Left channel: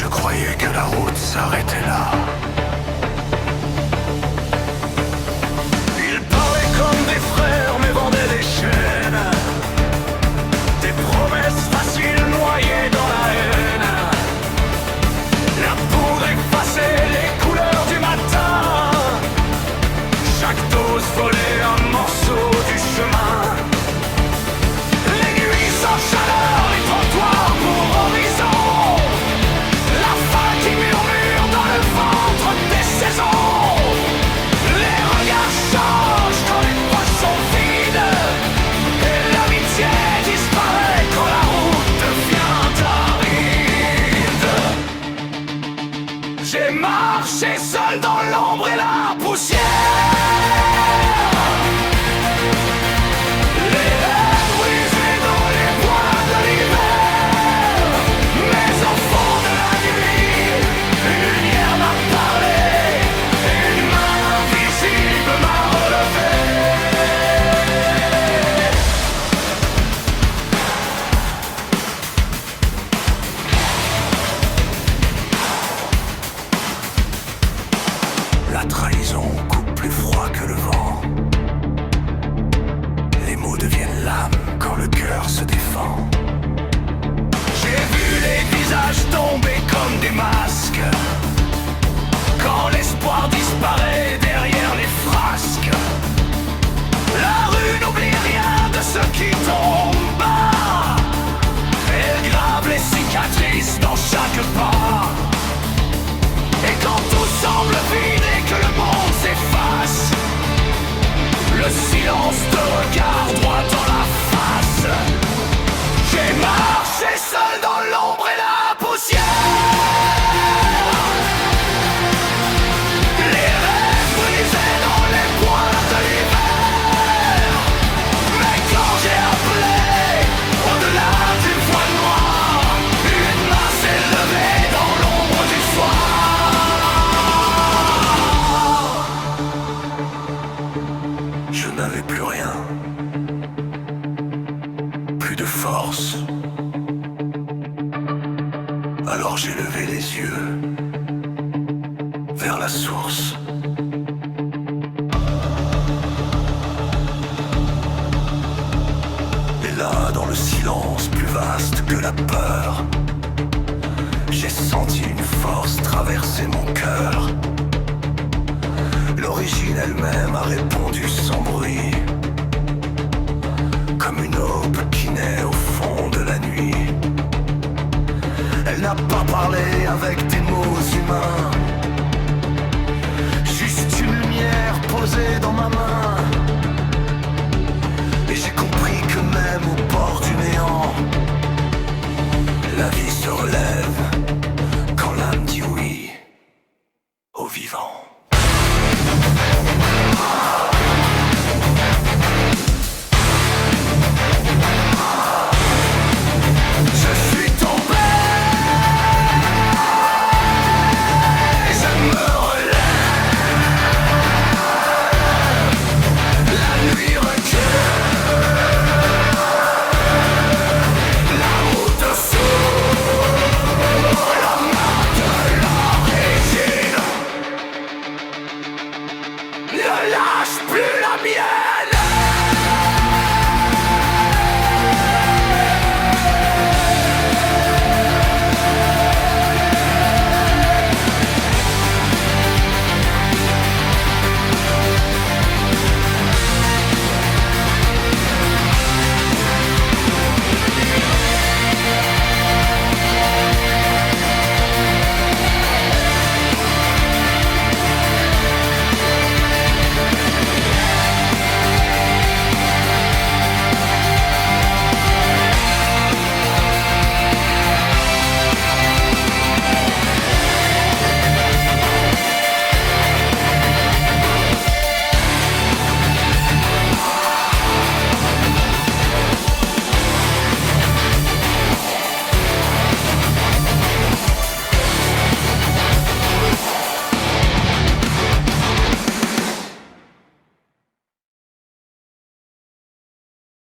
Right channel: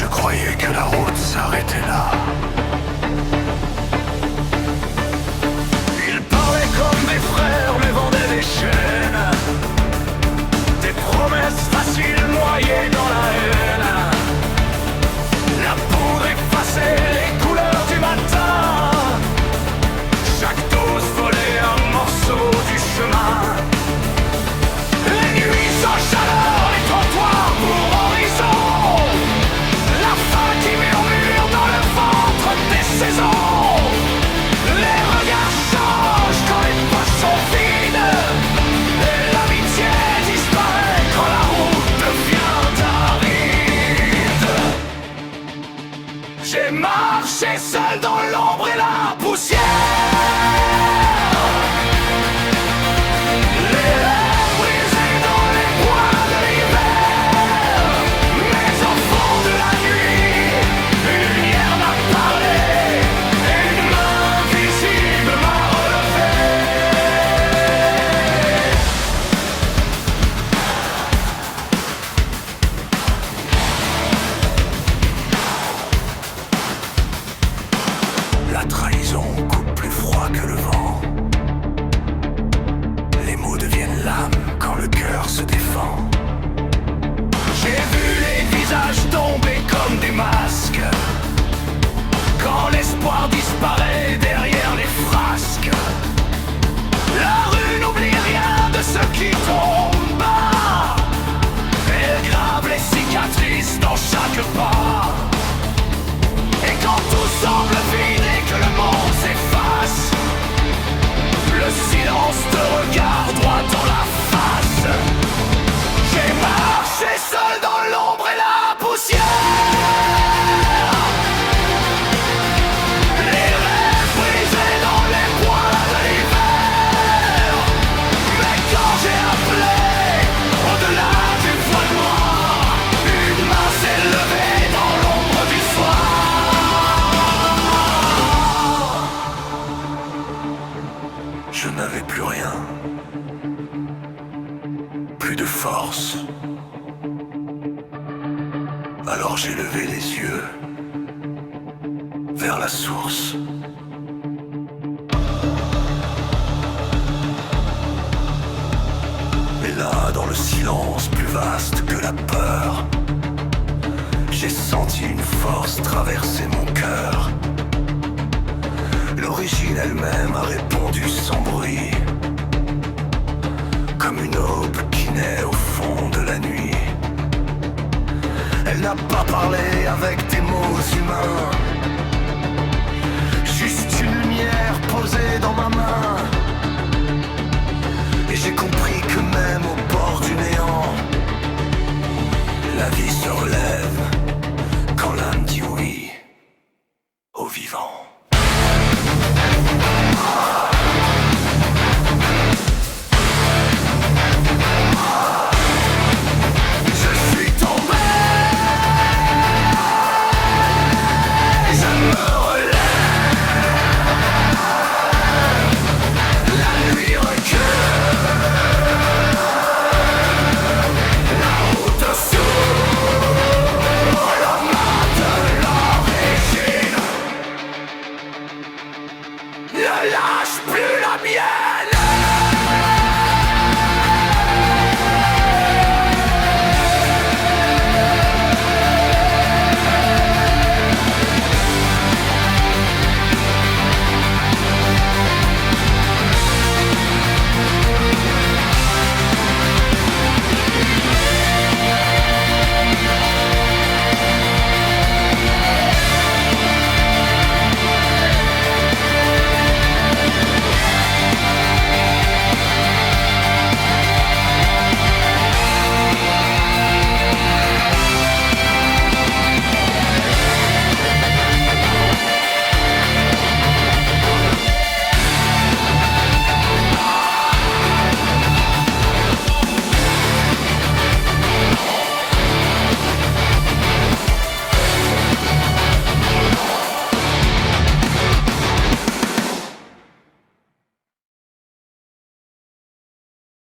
Je croyais que la route s'arrêtait là. Ils parlaient comme des frères mais vendaient des chaînes, des promesses faciles noyées dans la haine. La poudre effaçait les couleurs du matin. Chaque dose volait un morceau du chemin. Les nuits sans chaleur, les trottoirs pour horizon. La faim qui murmure dans le ventre des saisons. Les regards changent quand les poches sont vides. Et l'amitié disparaît quand la route devient aride. J'ai marché seul dans l'ombre et la poussière. La trahison coupe plus froid que le vent. Les mots deviennent lames quand le cœur se défend. J'ai vu les visages tomber comme des masques quand l'espoir disparaît derrière les frasques. La rue n'oublie rien de ceux qui tombent bas. Elle grave les cicatrices dans chaque pas. Et quand tout semble vide et que le monde s'efface, le silence te regarde droit dans la face. J'ai marché seul dans l'ombre et la poussière. Les rêves brisés dans les bois de l'hiver. Mais quand j'ai appelé au-delà du voile noir, une main s'est levée dans l'ombre du soir. Je n'avais plus rien, plus de force. Alors j'ai levé les yeux vers la source. Et là, dans le silence plus vaste que la peur, j'ai senti une force traverser mon cœur. L'origine elle-même a répondu sans bruit, comme une aube qui naît au fond de la nuit. Elle n'a pas parlé avec des mots humains, juste une lumière posée dans ma main. Et j'ai compris que même au bord du néant, la vie se relève quand l'âme dit oui au vivant.